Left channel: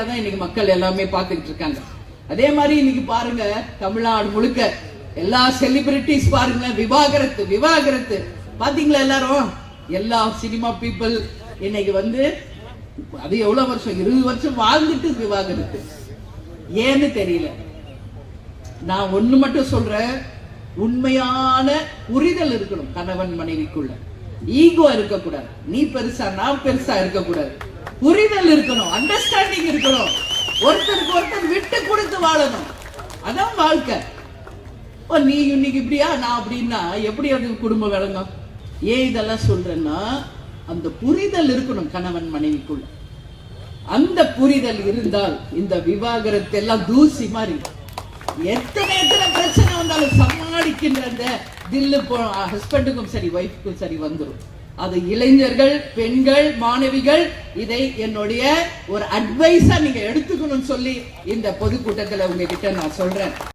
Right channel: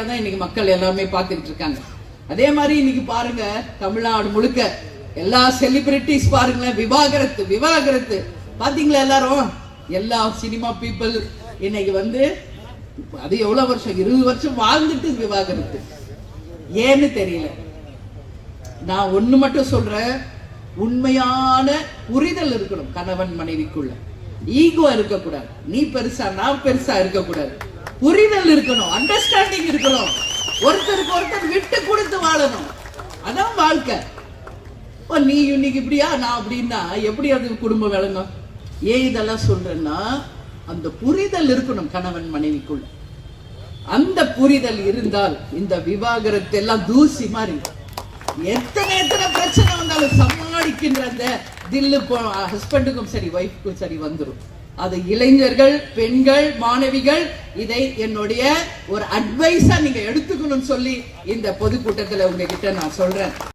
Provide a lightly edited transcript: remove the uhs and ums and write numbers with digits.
இன்னைக்கு மக்கள் எல்லாமே பார்த்துட்டு இருக்காங்க. அதே மாதிரி இன்னைக்கு பாருங்க, தமிழ்நாடு முழுக்க எல்லா செலிபிரிட்டிஸ் பாருங்க, விவாகரத்து விவாகரத்து பாத்தீங்களா? எல்லாரும் எல்லா சினிமா பீப்புள் இன்னைக்கு அது எவ்வளவு வருஷம், 20 வருஷம் வாழ்ந்துட்டு விவாகரத்து. ஏன்னு தெரியல. நான் ஒண்ணு மட்டும் சொல்றேன், உண்மையான புரிதல் இருக்கணும் கணவன் மனைவிக்குள்ள. ஈகோ இருக்கக்கூடாது, நீ பெருசா நான் பெருசா இருக்கக்கூடாது. புரிதல் இருக்கணும், அண்டர்ஸ்டாண்டிங் இருக்கணும், ஒருத்தருக்கு ஒருத்தர் விட்டு கொடுத்து வாழணும். அதான் வாழ்க்கை. நீ இன்னைக்கு இப்படியா நான் அப்படின்னா எப்படி அது குடும்பம் விளங்கும்? ஏன் இதெல்லாம் சொல்றேன்னா, அந்த புரிதல் இருக்கணும் கணவன் மனைவிக்குள்ள. அந்த புரிதல் இருந்தால் இந்த விவாகரத்து எல்லாம் தூசி மாதிரி. எத்தனை பிரச்சனை வந்தாலும் சமாளிக்கின்ற அந்த தில்லு ஹஸ்பண்டுக்கும் சரி ஒய்ஃப்க்கும் சரி வந்துடும். அது இளைஞர்கள், பெண்கள், மாணவிகள் இதை என்னுடைய ஒரு அட்வைஸா நீங்க எடுத்துக்கணும்னு சொல்லி இந்த பொதுக்கூட்டத்தில் உங்ககிட்ட நான் சொல்றேன்.